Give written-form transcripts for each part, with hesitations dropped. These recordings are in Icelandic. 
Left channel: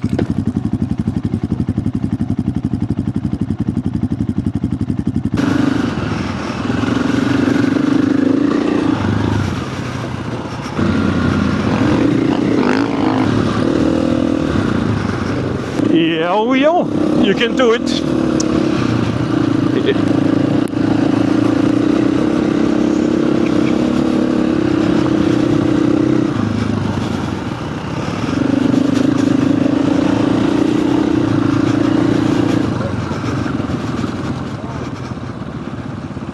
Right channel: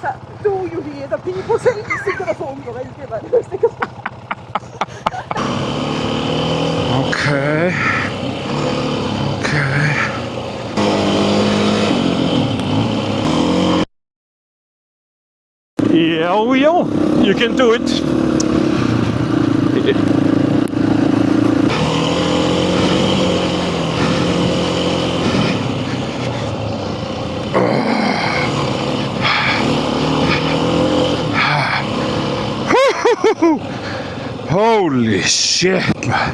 Do you hear the people saying sing the song? Yeah, you can do it. Holy shit, man.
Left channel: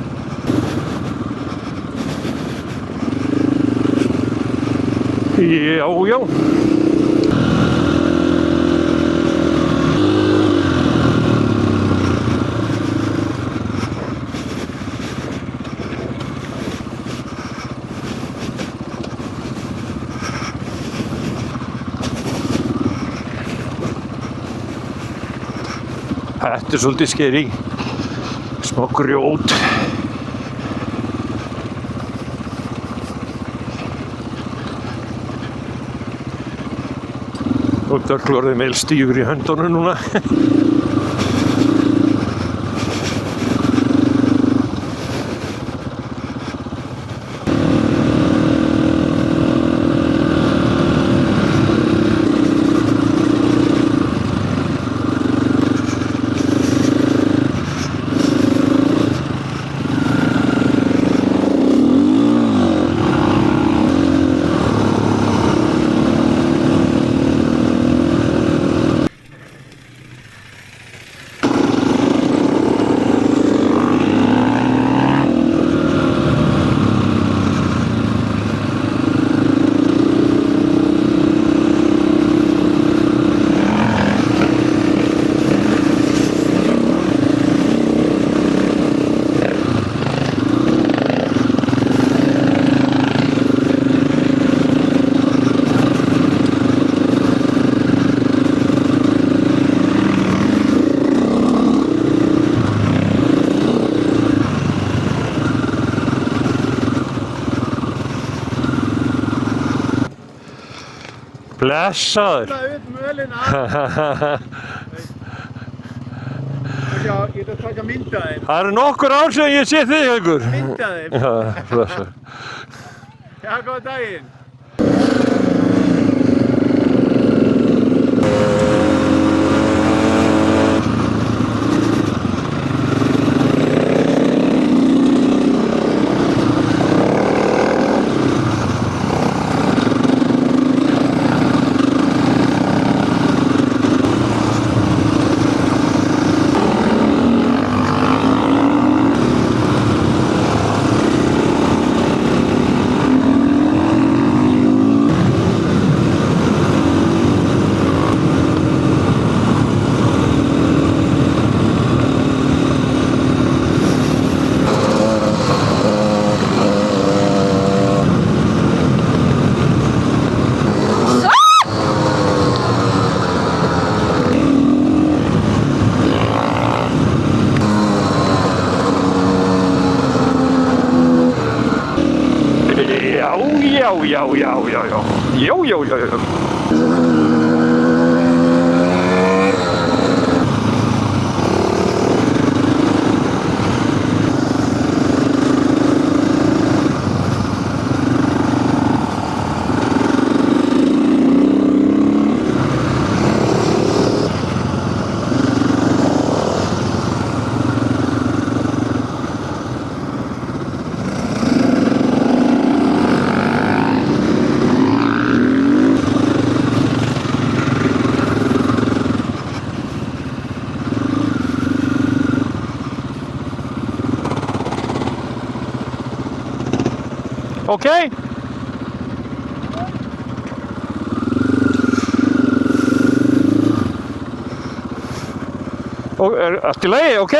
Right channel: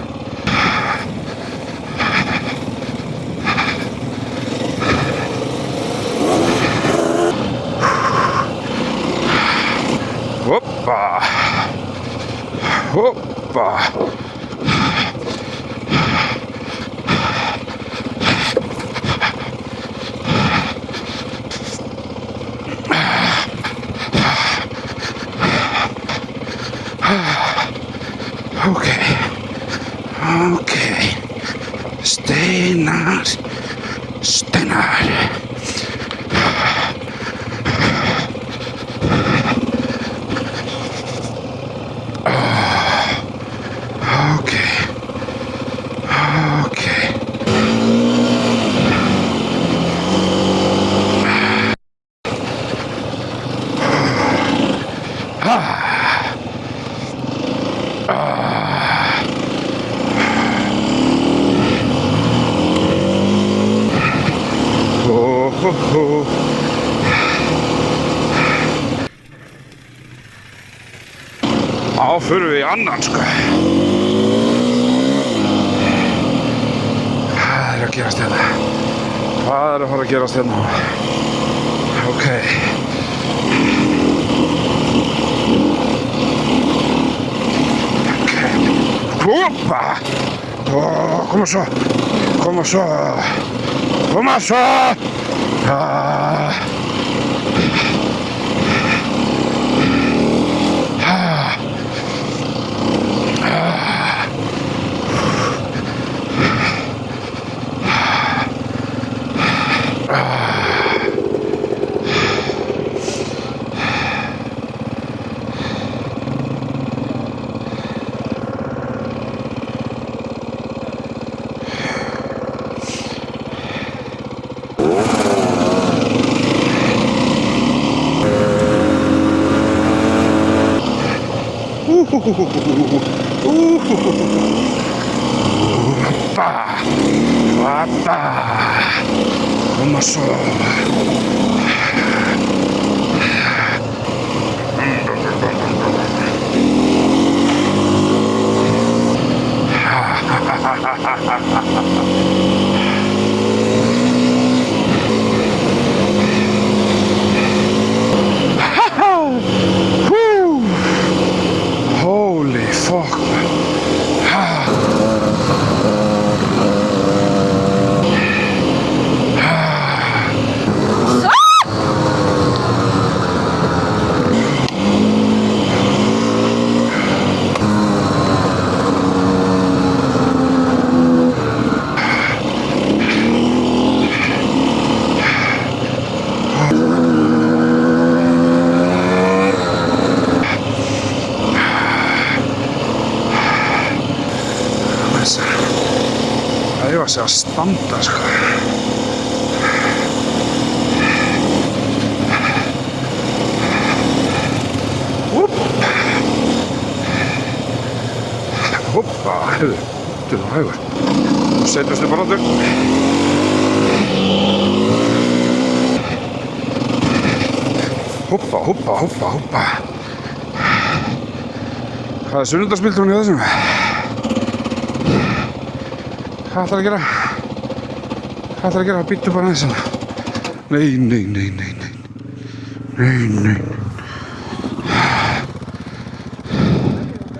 Yeah. Hoppa. Hoppa. Þetta svolítið skeri. Grjót. Okay. Steinar. Og dögglorðið meil stífur í höndunum núna. Förum við í annan, sko. Hvað er að gerast hérna? Hvað er að fara að gerast hérna? Ok. Hoppa! Koma svo! Koma svo! Koma svo! Blessaður. Já, getur þú taka mynda þér? Það eru nokkur ár sem ég sé þig, Haukur. Mynda þér? Já, góða daginn. Að standa, sko. Hoppa, hefur. Þú setjast þig bara þau. Hoppa. Það er sunnudagspildurinn í þessum. Hvað ætlar að gera? Ok. Hvað ætlar að gera? Býttu bara aðeins hérna. Nei. Allt í lagi, ok?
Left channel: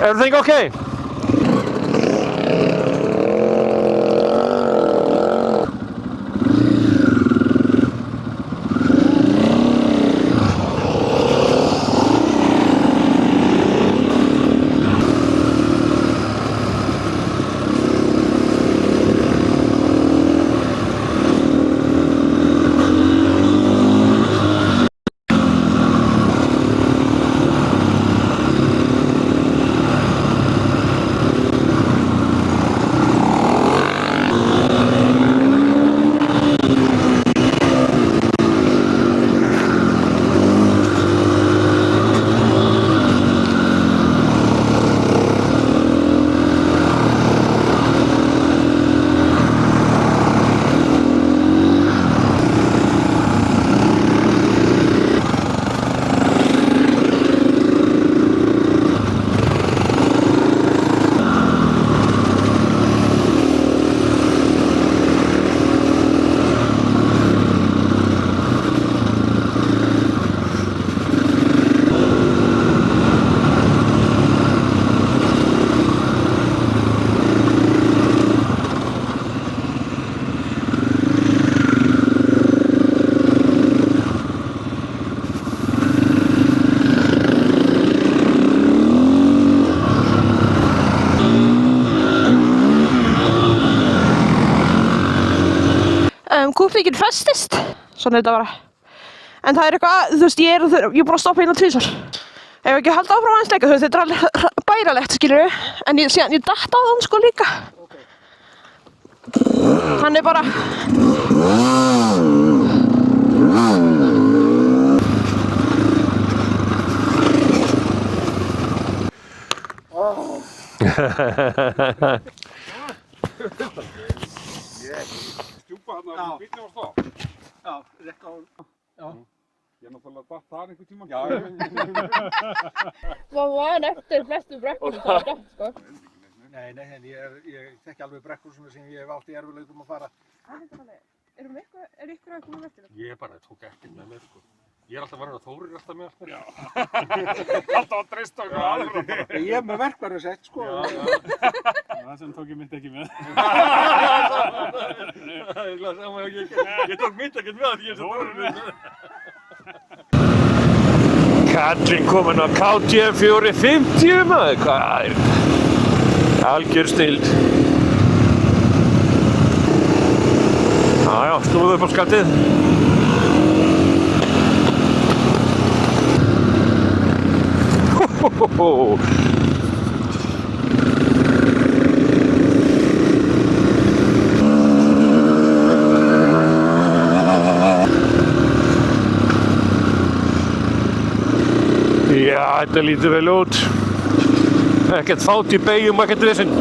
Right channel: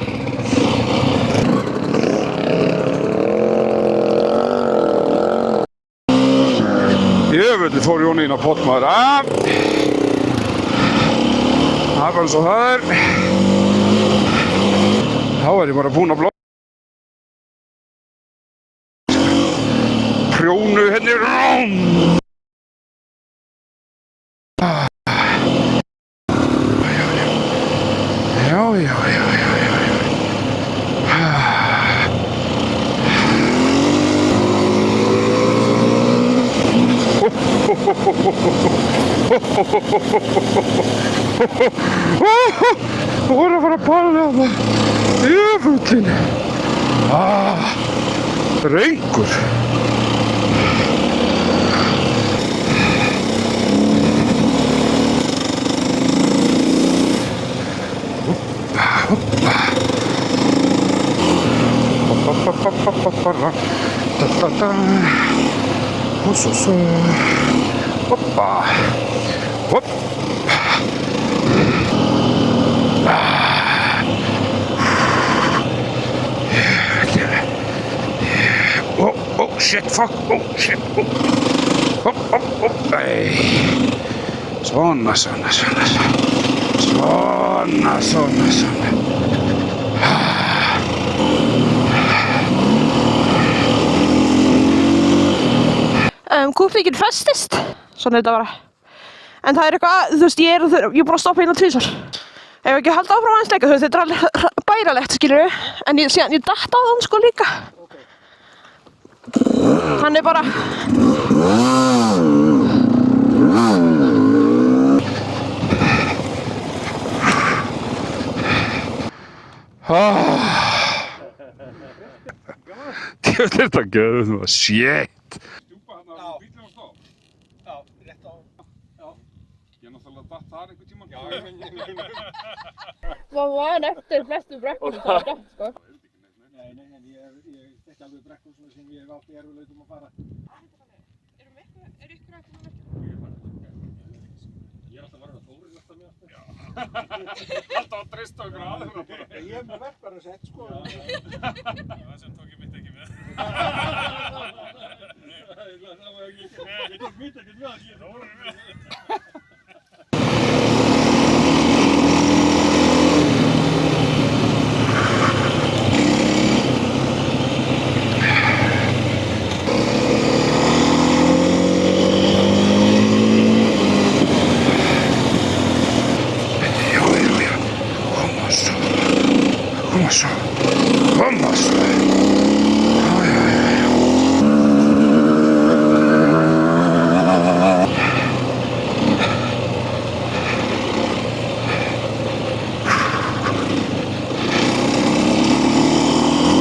Everything ok? Jöfnvöldi fór Jón inn á pottmaður. Það var svo þar. Þá er ég bara búinn að blokka. Prjónu henni rám. voru að fara að báða á það. Jöfullinn. Drengur. Hoppa. Hopp. Oh shit, fuck, oh shit, oh, nei. Svona. Kúplíkinn festist, svona þetta bara. En það er eitthvað, þú veist, ég er búin að stoppa hérna 2 sinni. Ef ekki halda áfram aðeins leika, þú veist, þetta er alveg bærilegt, skilurðu. En síðan ég datt á þann sko líka. Hann er bara... Djöfull er þetta göður nú, shit. Já, rétt á. Já. Ég náttúrulega datt þar einhvern tíma. Já, Hvað var eftir flestu brekkur það var datt, sko? Nei, en ég þekki alveg brekkur sem ég hef átt í erfiðleikum að fara. Er ykkur að koma eftir það? Ég bara tók ekkert með mér, sko. Ég er alltaf varin að Þórir alltaf með eftir. Já. Alltaf að treysta okkur aðra. Ég hef með verkvaru sett, sko. Já. Það sem tók ég mitt ekki með. Ég tók mitt ekkert með því ég sem Þórir með. Kallinn kominn á KT 450 maður, hvað? Algjör stild. Já, snúðu upp á skattið. Koma svo. Já, þetta lítur vel út. Ekkert fát í beygjum, ekkert vissinn.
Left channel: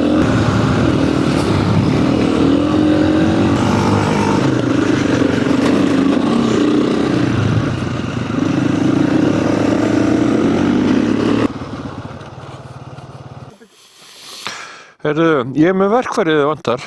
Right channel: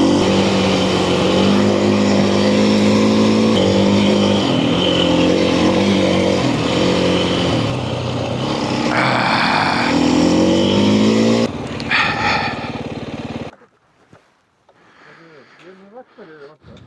Heyrðu, ég er með verkfærið þið vantar.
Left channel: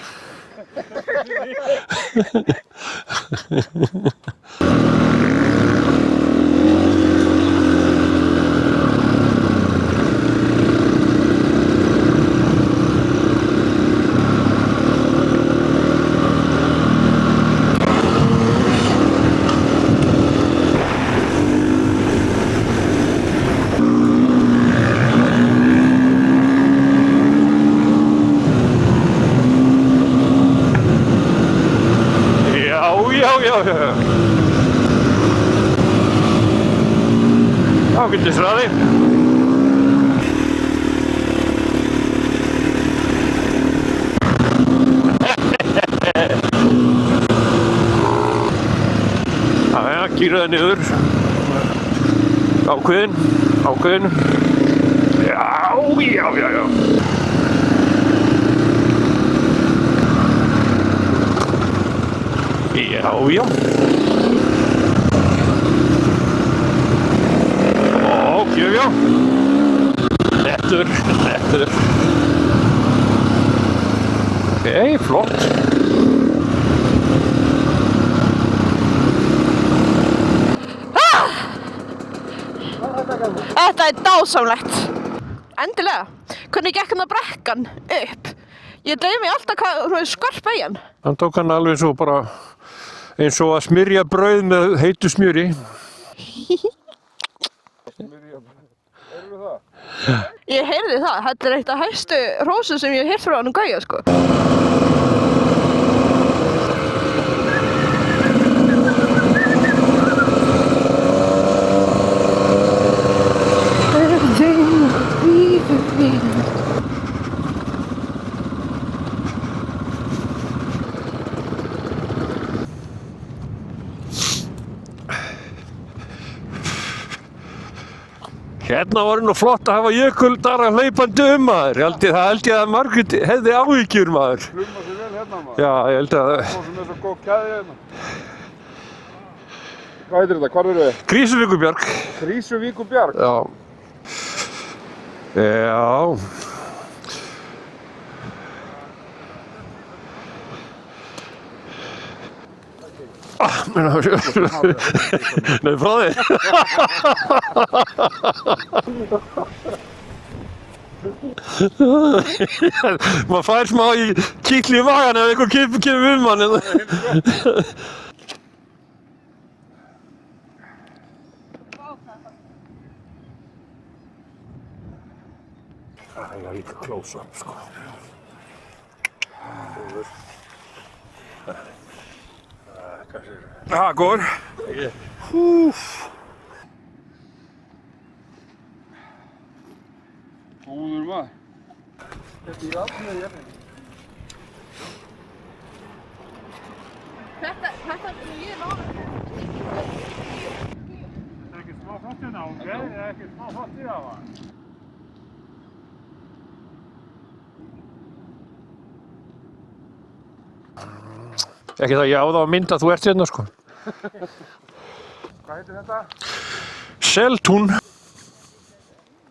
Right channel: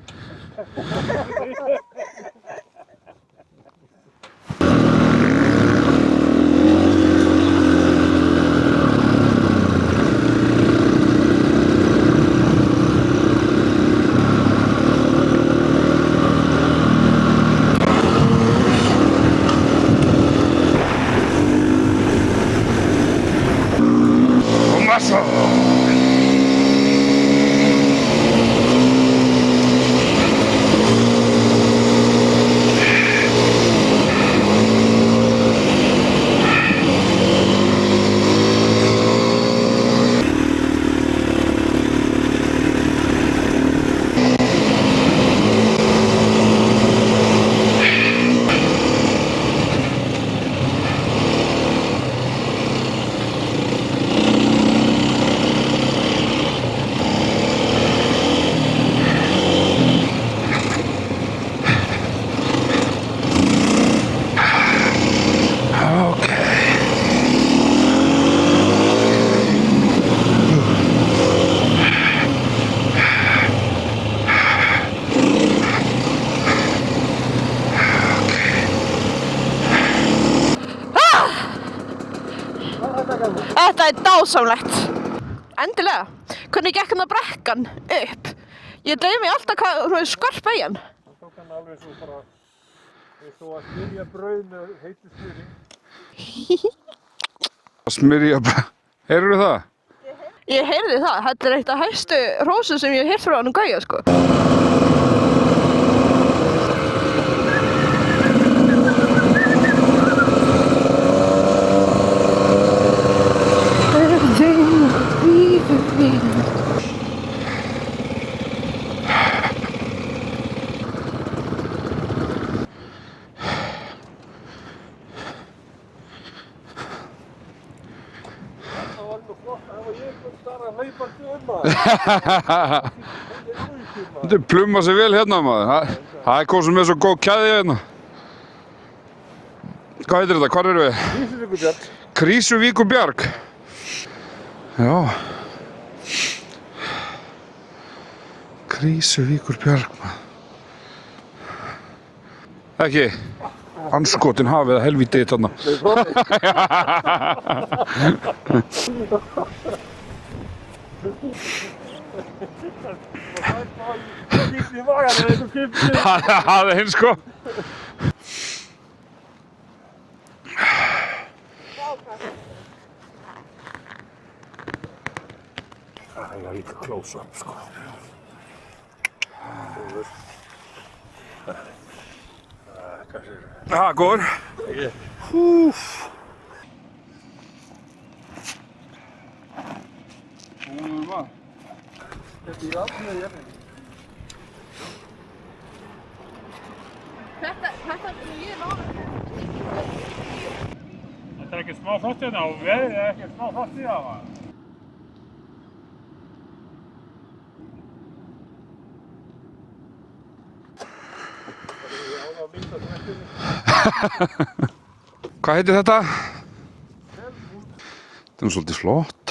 Kýraði niður. Ákveðin. Já. Lettur. Ok, flott. Þetta er dásamlegt. Endilega. Hvernig gekk hann að brekkan upp? Ég dreif mig alltaf hvað skörp beigjan. Hann tók hann alveg svo bara eins og að smyrja brauð með heitu smjöri. Smyrja bara. Heyrðu það? Ég heyrði það. Þetta er eitt af hæstu hrósum sem ég hef heyrt frá hann Gauja, sko. Hérna var nú flott að hafa jökuldara hlaupandi maður. Ég held ég að Margrét hefði áhyggjur maður. Þetta pluma sig vel hérna maður. Já, ég held að það er góð sem er svo góð kæði hérna. Hvað heitir þetta? Hvar erum við? Krýsuvíkurbjarg. Krýsuvíkurbjarg? Já. Já. Já. Krýsuvíkurbjarg maður. Ekki? Skotin hafið það helviti þarna. Nei, frá þig. Maður fær smá í kíkli í magan ef einhver kemur við mann. Það er hins sko. Það er líka close-up, sko. Góður. Góður maður. Þetta ég lofa. Þetta er ekki smá flott hérna og veðrið er ekki smá flott í það maður. Ekki það ég á það á mynd að þú ert hérna, sko. Hvað heitir þetta? Seltún. Þetta er svolítið flott.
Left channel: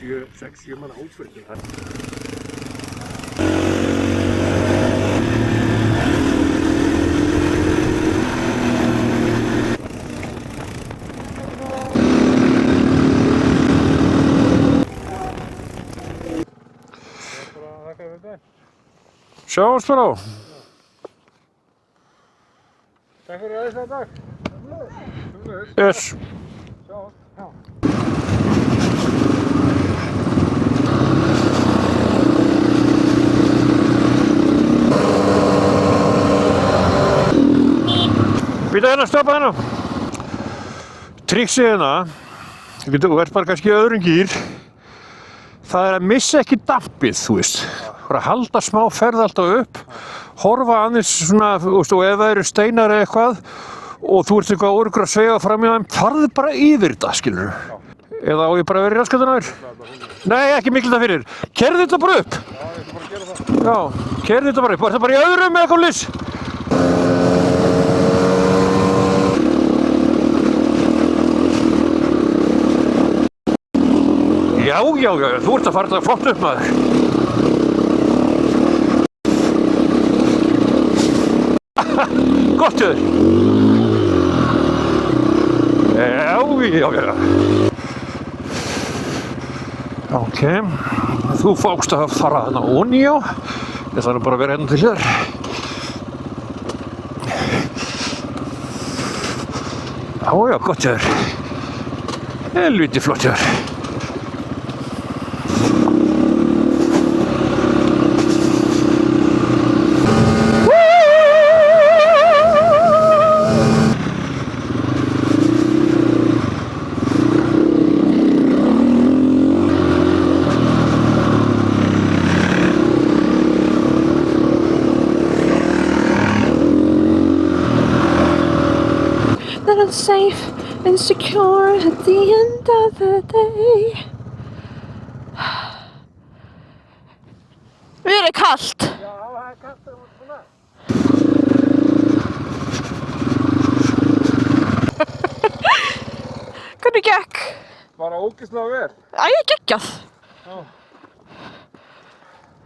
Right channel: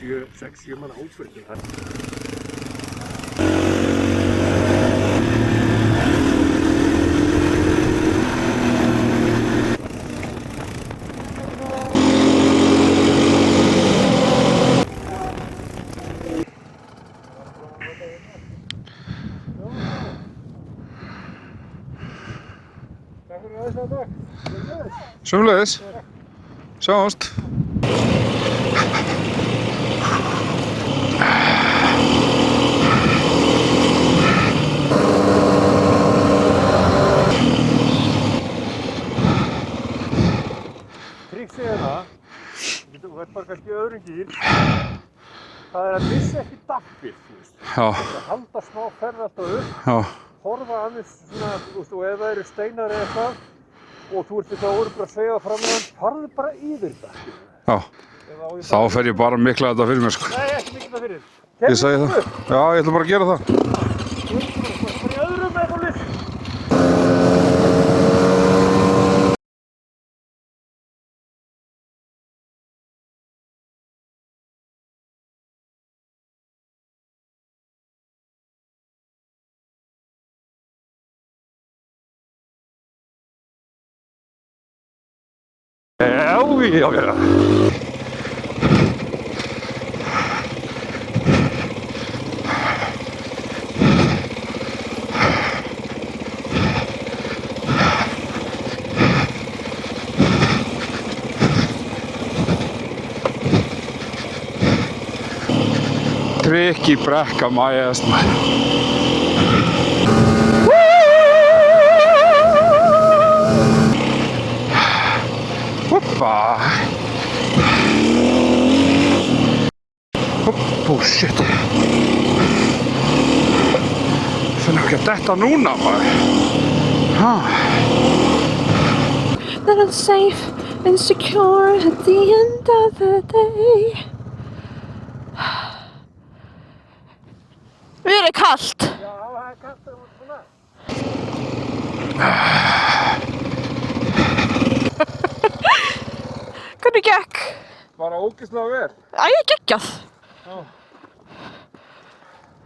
6-7 manna útflutning. Sjáumst bara á. Takk fyrir aðeins þetta. Sömuleiðis. Yes. Sjáumst. Býta hérna, stoppa hérna. Triksið hérna, þú ert bara kannski í öðrum gír. Það er að missa ekki dampið, þú veist. Já. Bara halda smá ferð alltaf upp, Já. horfa aðeins svona, þú veist, og ef það eru steinar eða eitthvað og þú ert eitthvað öruggur að segja fram í það, farðu bara yfir þetta, skilur. Já. Eða á ég Þá bara að vera fer ég raskat bara aðeins? mikla þetta fyrir mér sko. Nei, ekki mikla þetta fyrir. Keyrðu þetta bara upp. Já, ég ætla bara að gera það. Já, keyrðu þetta bara upp. Var það bara í öðrum eða eitthvað liss? Já, þú ert að fara þetta flott upp, maður. Gott hjá þér. Já. Ok, þú fákst að fara hana honi á. Það þarf bara að vera hérna til hér. Já, gott hjá þér. Helviti flott hjá þér. Kriki brekka mæðast maður. Hoppa. Oh shit. Það ekki að detta núna maður. That I'm safe and secure at the end of the day. Mér er kalt. Já, það er kallt og svona. Hvernig gekk? Bara ógeðslega vel. Æ, geggjað.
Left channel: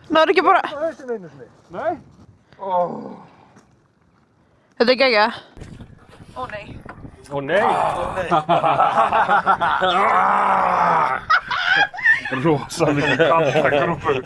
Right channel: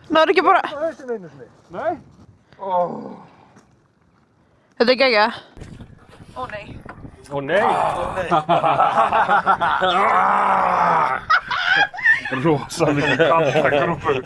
Það er ekki bara... Það er þessi einu sinni. Nei? Þetta er geggjað. Ó nei. Ó nei. Rosa mikið kampagrúpur.